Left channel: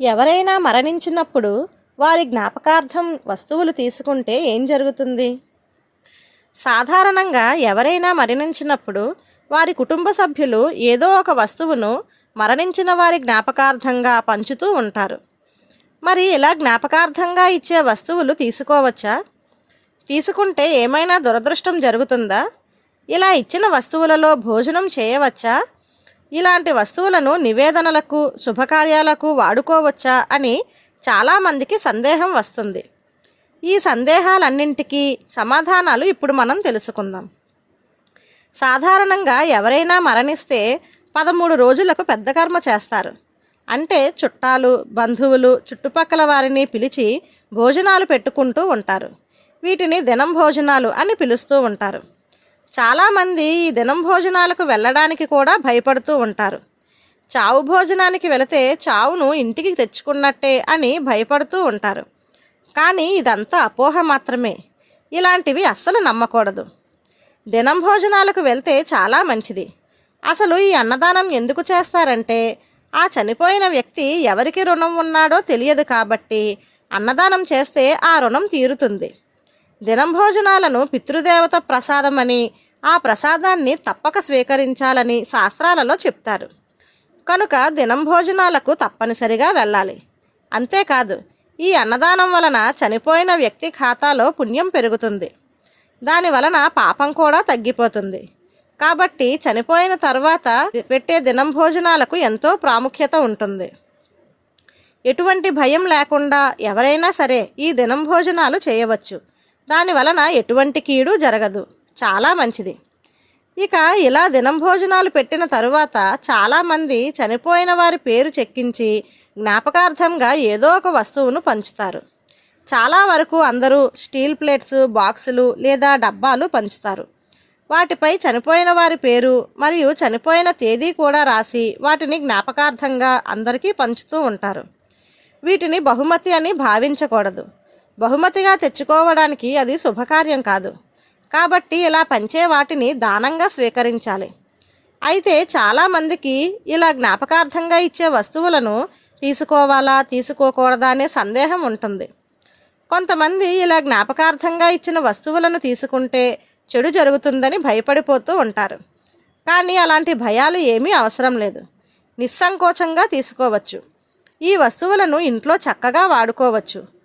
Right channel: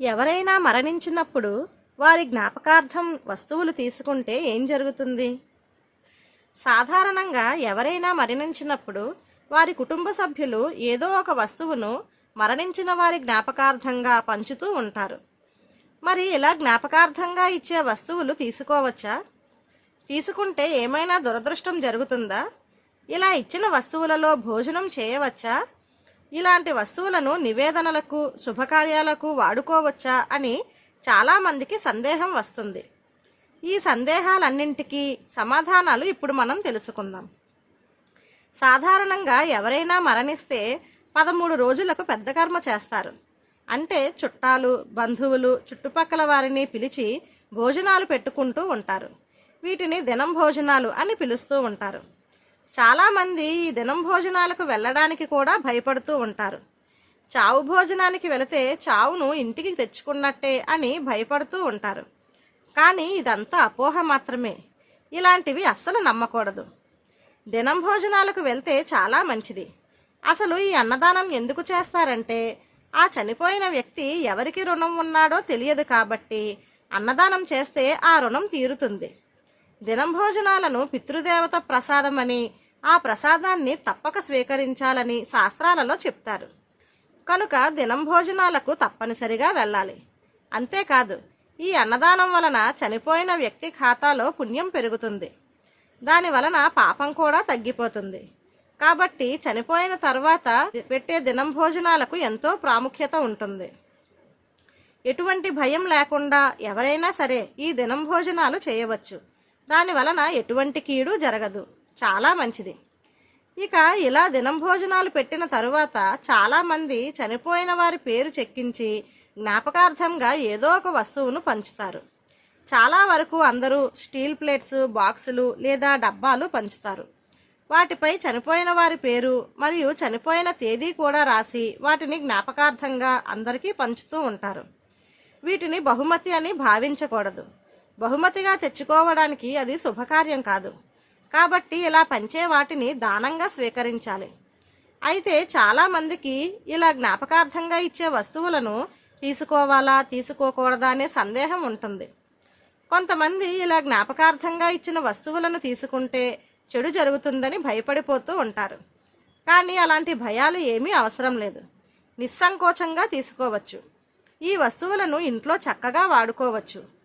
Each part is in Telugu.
ఎవరైనా మరణించినప్పుడు వారి జ్ఞాపకార్థం వస్తువులు తీసుకుంటే ఏం జరుగుతుంది? సాధారణంగా ఎవరైనా మరణించినప్పుడు వారి కుటుంబ సభ్యులు ఏదో ఒక వస్తువును మరణించిన వారి జ్ఞాపకార్థంగా పంచుతూ ఉంటారు. మరి ఇలా జ్ఞాపకార్థంగా ఇచ్చే వస్తువులు తీసుకోవచ్చా? తీసుకుంటే ఏమైనా దురదృష్టం జరుగుతుందా? ఇలా ఇచ్చిన వస్తువులలో భోజనం చేయవచ్చా? ఇలాంటి వస్తువులను నివేదనలకు శుభకార్యాలకు వాడుకోవచ్చా అని చాలామందికి సందేహం వస్తుంది. ఈ సందేహాలన్నింటికీ సమాధానాలు ఇప్పుడు మనం తెలుసుకుందాం. సాధారణంగా ఎవరైనా మరణిస్తే పదమూడు రోజులకు పెద్ద కర్మ చేస్తారు. అంటే చుట్టాలు బంధువులు చుట్టుపక్కల వారిని పిలిచి భోజనాలు పెట్టుకుంటూ ఉంటారు. వీటిని దినం భోజనాలు అని పిలుస్తూ ఉంటారు. చాలామంది ఈ దినం భోజనాలకు వెళ్ళడానికి కూడా భయపడుతూ ఉంటారు. చావు భోజనానికి వెళితే చావును ఇంటికి తెచ్చుకున్నట్టే అని భయపడుతూ ఉంటారు. కానీ ఇదంతా అపోహ మాత్రమే. ఇలాంటివి అస్సలు నమ్మకూడదు. దినం భోజనాలకు వెళ్తే చాలా మంచిది. అసలు ఈ అన్నదానం ఎందుకు చేస్తారంటే ఆ చనిపోయిన వ్యక్తి ఎవరికి రుణం ఉన్నాడో తెలియదు కాబట్టి అన్నదానం చేస్తే ఆ రుణం తీరుతుంది. దినం భోజనాలను పితృదేవత ప్రసాదమని ఆ ప్రసాదాన్ని తప్పక స్వీకరించాలని శాస్త్రాలలో చెప్తారు. కనుక దినం భోజనాలకు తప్పనిసరిగా వెళ్ళాలి. అంతేకాదు ఈ అన్నదానం వలన చనిపోయిన వ్యక్తి ఖాతాలో పుణ్యం పెరుగుతుంది. దాని వలన పాపం కూడా తగ్గిపోతుంది. కాబట్టి చనిపోయిన తర్వాత పెట్టే దినం భోజనాలకు ఎంతో ప్రాముఖ్యత ఉంటుంది. ఎటువంటి భయం లేకుండా ఎవరైనా సరే ఈ దినం భోజనాలు చేయవచ్చు. దాని వలన ఎటువంటి కీడు జరగదు. చాలా మంచిది. ఇక ఇలా దినం భోజనాలు పెట్టిన తరువాత చాలామంది చనిపోయిన వారి పేరు చెక్కించి జ్ఞాపకార్థంగా ఏదో ఒక వస్తువును పంచుతారు. చాలా వరకు అందరూ స్టీల్ ప్లేట్స్ బాక్సులు లేదా డబ్బాలు పంచుతారు. వాటిపై చనిపోయిన వారి పేరు మరియు చనిపోయిన తేదీ కూడా రాసి వాటిని జ్ఞాపకార్థంగా అందరికీ పంచుతూ ఉంటారు. వీటిని బహుమతి అని భావించకూడదు. బహుమతిగా తెచ్చుకోవడానికి అది శుభకార్యం కాదు. కాబట్టి ఇలా పంచే వాటిని దానంగా స్వీకరించాలి. అయితే చాలామందికి ఇలా జ్ఞాపకార్థంగా ఇచ్చే వస్తువులను తీసుకోవాలా తీసుకోకూడదా అనే సందేహం ఉంటుంది. కొంతమంది ఇలా జ్ఞాపకార్థంగా ఇచ్చిన వస్తువులను తీసుకుంటే చెడు జరుగుతుందని భయపడిపోతూ ఉంటారు. కానీ అలాంటి భయాలు ఏమీ అవసరం లేదు. నిస్సంకోచంగా తీసుకోవచ్చు. ఈ వస్తువులను ఇంట్లో చక్కగా వాడుకోవచ్చు.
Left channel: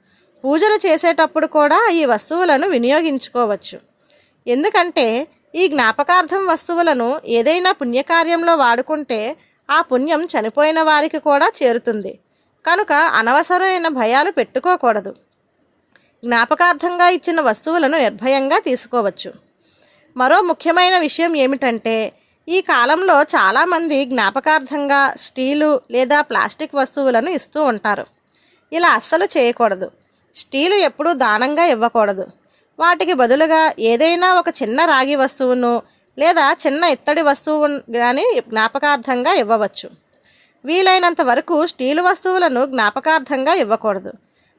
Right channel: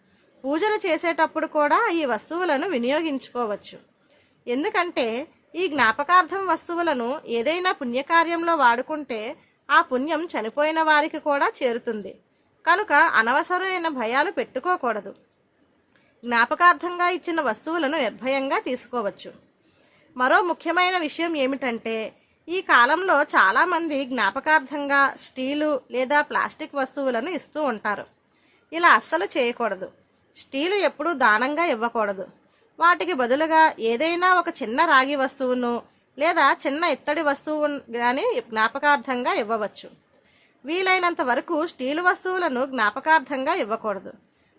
పూజలు చేసేటప్పుడు కూడా ఈ వస్తువులను వినియోగించుకోవచ్చు. ఎందుకంటే ఈ జ్ఞాపకార్థం వస్తువులను ఏదైనా పుణ్యకార్యంలో వాడుకుంటే ఆ పుణ్యం చనిపోయిన వారికి కూడా చేరుతుంది. కనుక అనవసరమైన భయాలు పెట్టుకోకూడదు. జ్ఞాపకార్థంగా ఇచ్చిన వస్తువులను నిర్భయంగా తీసుకోవచ్చు. మరో ముఖ్యమైన విషయం ఏమిటంటే ఈ కాలంలో చాలామంది జ్ఞాపకార్థంగా స్టీలు లేదా ప్లాస్టిక్ వస్తువులను ఇస్తూ ఉంటారు. ఇలా అస్సలు చేయకూడదు. స్టీలు ఎప్పుడూ దానంగా ఇవ్వకూడదు. వాటికి బదులుగా ఏదైనా ఒక చిన్న రాగి వస్తువును లేదా చిన్న ఇత్తడి వస్తువు కానీ జ్ఞాపకార్థంగా ఇవ్వవచ్చు. వీలైనంత వరకు స్టీలు వస్తువులను జ్ఞాపకార్థంగా ఇవ్వకూడదు.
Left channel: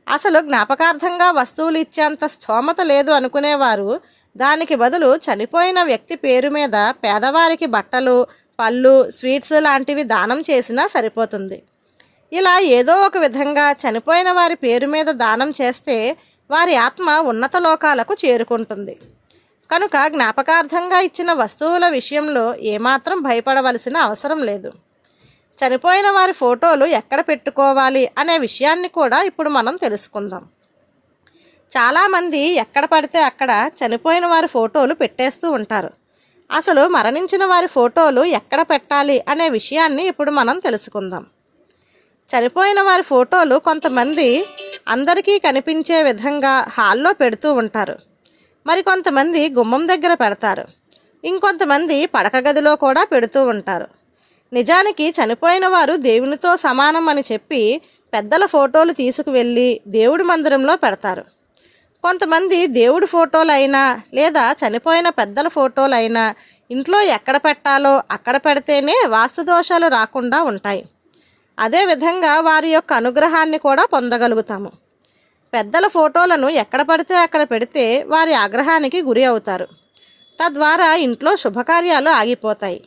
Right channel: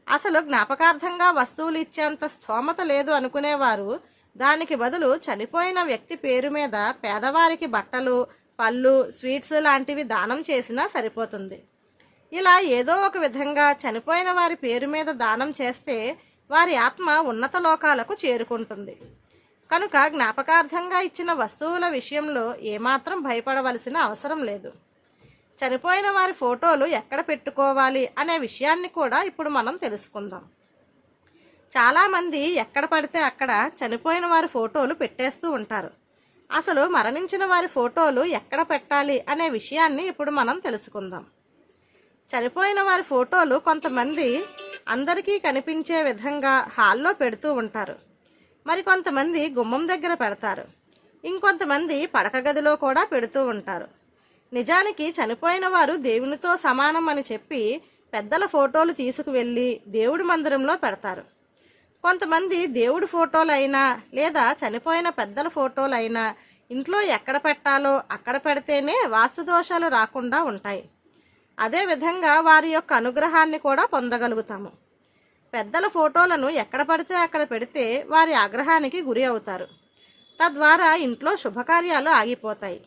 అసలు జ్ఞాపకార్థంగా వస్తువులు ఇచ్చేంత స్తోమత లేదు అనుకునేవారు. దానికి బదులు చనిపోయిన వ్యక్తి పేరు మీద పేదవారికి బట్టలు పళ్ళు స్వీట్స్ లాంటివి దానం చేసినా సరిపోతుంది. ఇలా ఏదో ఒక విధంగా చనిపోయిన వారి పేరు మీద దానం చేస్తే వారి ఆత్మ ఉన్నత లోకాలకు చేరుకుంటుంది. కనుక జ్ఞాపకార్థంగా ఇచ్చిన వస్తువుల విషయంలో ఏమాత్రం భయపడవలసిన అవసరం లేదు. చనిపోయిన వారి ఫోటోలు ఎక్కడ పెట్టుకోవాలి అనే విషయాన్ని కూడా ఇప్పుడు మనం తెలుసుకుందాం. చాలామంది ఎక్కడ పడితే అక్కడ చనిపోయిన వారి ఫోటోలు పెట్టేస్తూ ఉంటారు. అసలు మరణించిన వారి ఫోటోలు ఎక్కడ పెట్టాలి అనే విషయాన్ని ఇప్పుడు మనం తెలుసుకుందాం. చనిపోయిన వారి ఫోటోలు కొంతమంది అందరికీ కనిపించే విధంగా హాల్లో పెడుతూ ఉంటారు. మరి కొంతమంది గుమ్మం దగ్గర పెడతారు. ఇంకొంతమంది పడక గదిలో కూడా పెడుతూ ఉంటారు. నిజానికి చనిపోయిన వారు దేవునితో సమానం అని చెప్పి పెద్దల ఫోటోలు తీసుకువెళ్ళి దేవుడి మందిరంలో పెడతారు. కొంతమంది దేవుడి ఫోటోలైనా లేదా చనిపోయిన పెద్దల ఫోటోలైనా ఇంట్లో ఎక్కడ పెట్టాలో అక్కడ పెడితేనే వాస్తు దోషాలు రాకుండా ఉంటాయి. అదేవిధంగా వారి యొక్క అనుగ్రహాన్ని కూడా పొందగలుగుతాము. పెద్దల ఫోటోలను ఎక్కడ పడితే అక్కడ పెడితే వారి ఆగ్రహానికి గురి అవుతారు. తద్వారా ఇంట్లో శుభకార్యాలు ఆగిపోతాయి.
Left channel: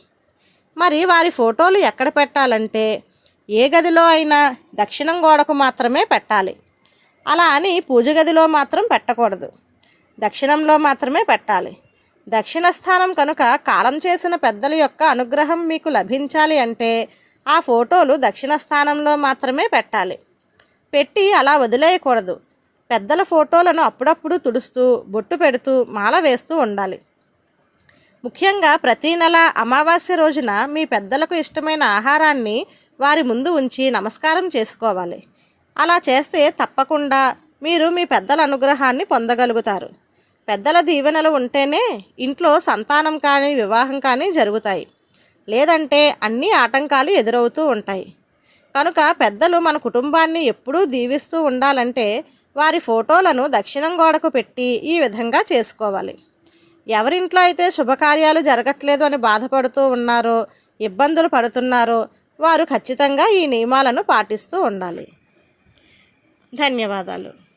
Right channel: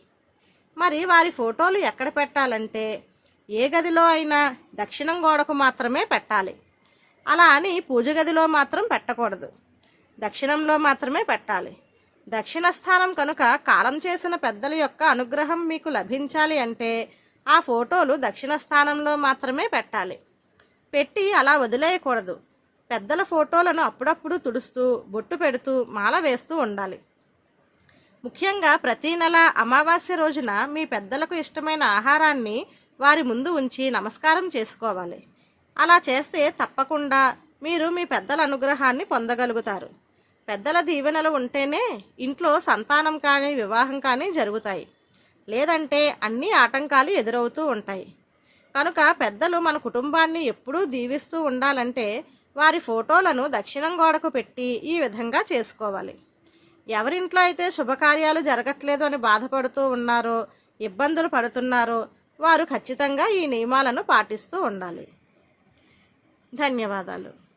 మరి వారి ఫోటోలు ఎక్కడ పెట్టాలంటే ఏ గదిలో అయినా దక్షిణం గోడకు మాత్రమే పెట్టాలి. అలా అని పూజ గదిలో మాత్రం పెట్టకూడదు. దక్షిణంలో మాత్రమే పెట్టాలి. దక్షిణ స్థానం కనుక కాలం చేసిన పెద్దల యొక్క అనుగ్రహం మీకు లభించాలి అంటే ఆ ఫోటోలు దక్షిణ స్థానంలో మాత్రమే పెట్టాలి. పెట్టి అలా వదిలేయకూడదు. పెద్దల ఫోటోలను అప్పుడప్పుడు తుడుస్తూ బొట్టు పెడుతూ మాల వేస్తూ ఉండాలి. ముఖ్యంగా ప్రతీ నెల అమావాస్య రోజున మీ పెద్దలకు ఇష్టమైన ఆహారాన్ని వారి ముందు ఉంచి నమస్కారం చేసుకోవాలి. అలా చేస్తే తప్పకుండా మీరు మీ పెద్దల అనుగ్రహాన్ని పొందగలుగుతారు. పెద్దల దీవెనలు ఉంటేనే ఇంట్లో సంతానం కానీ వివాహం కానీ జరుగుతాయి. లేదంటే అన్ని ఆటంకాలు ఎదురవుతూ ఉంటాయి. కనుక పెద్దలు మన కుటుంబాన్ని ఎప్పుడూ దీవిస్తూ ఉండాలంటే వారి ఫోటోలను దక్షిణం గోడకు పెట్టి ఈ విధంగా చేసుకోవాలి. ఎవరింట్లో అయితే శుభకార్యాలు జరగట్లేదు అని బాధపడుతూ ఉన్నారో ఇబ్బందులు పడుతున్నారో వారు ఖచ్చితంగా ఈ నియమాలను పాటిస్తూ ఉండాలి. ధన్యవాదాలు.